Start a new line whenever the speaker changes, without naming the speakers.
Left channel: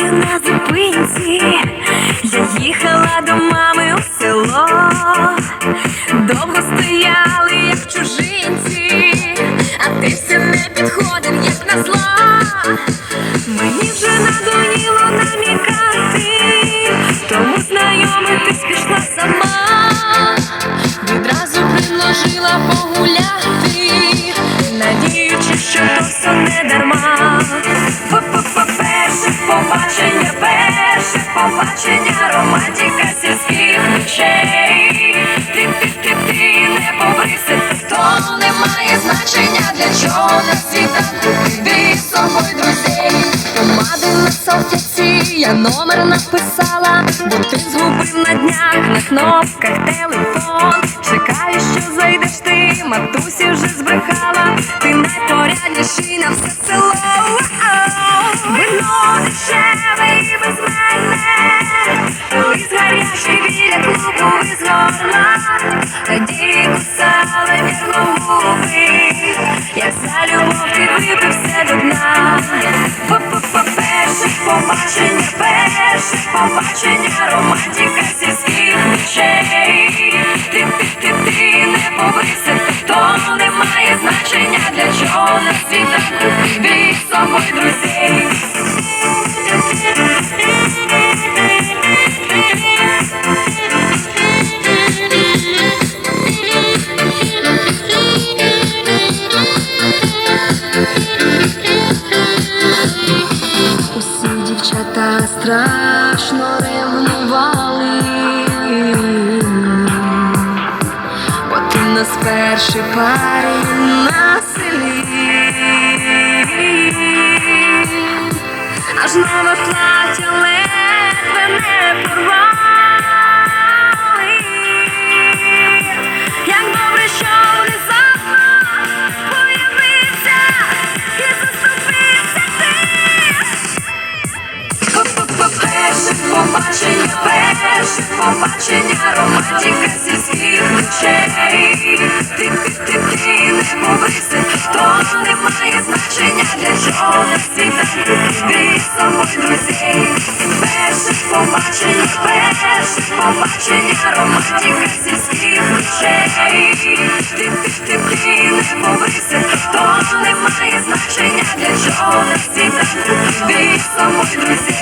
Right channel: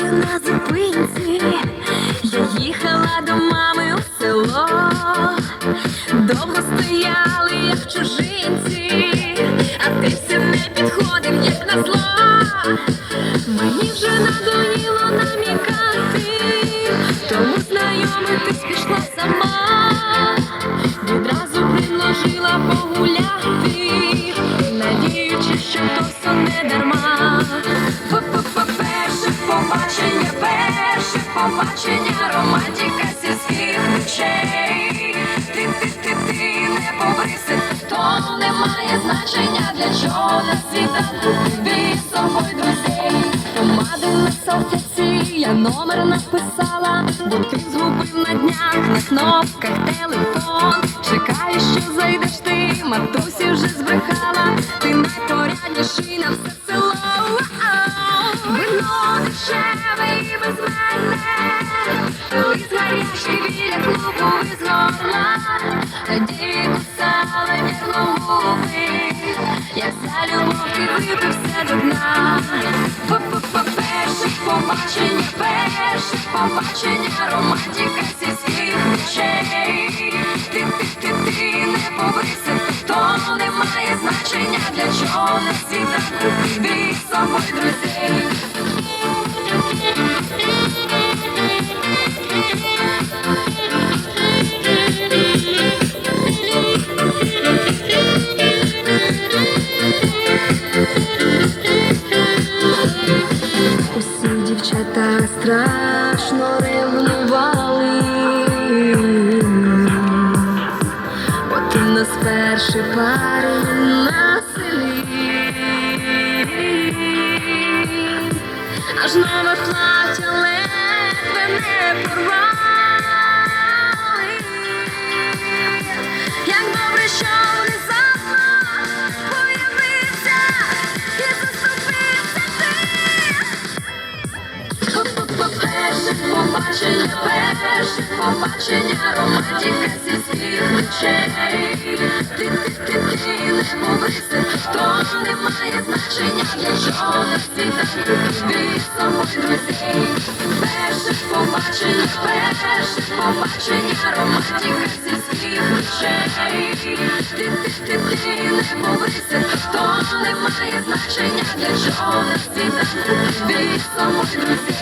зустрілися на зупинці. Я їхала до мами у село, довго стояли, як чужинці, а ти все не підходив, як на зло. Мені вже надоїло намікати, тому знайомитись пішла сама. Відразу предложила погуляти, надіючи, що то все не дарма. Для чого на світанку ти з собою друзей. Помади на салфетці, я номер написала, бо ти згубив на днях на кнопках телефон. Чекаю, що зайдеш ти, матусі вже збрехала, ти найпорядніший на все село. Вино дешеве і без мене, колись гарячий біля клубу із горла, тоді кусали вірно губи, любов все до дна. По-по-по-перше побачення, перше побачення, романтика сільських речей. Ти, ти, ти, ти не побрився, то не має значення, для чого на світах. з собою друзей. Страшно ревнували, от у нас перший парень побачення, перше побачення, романтика сільських ночей. Ти, ти, ти, ти не побрився, то не має значення, для чого світанку ти з собою друзей. Перше побачення, перше побачення, романтика сільських ночей. Ти, ти, ти, ти не побрився, то не має значення, для чого світанку ти з собою друзей.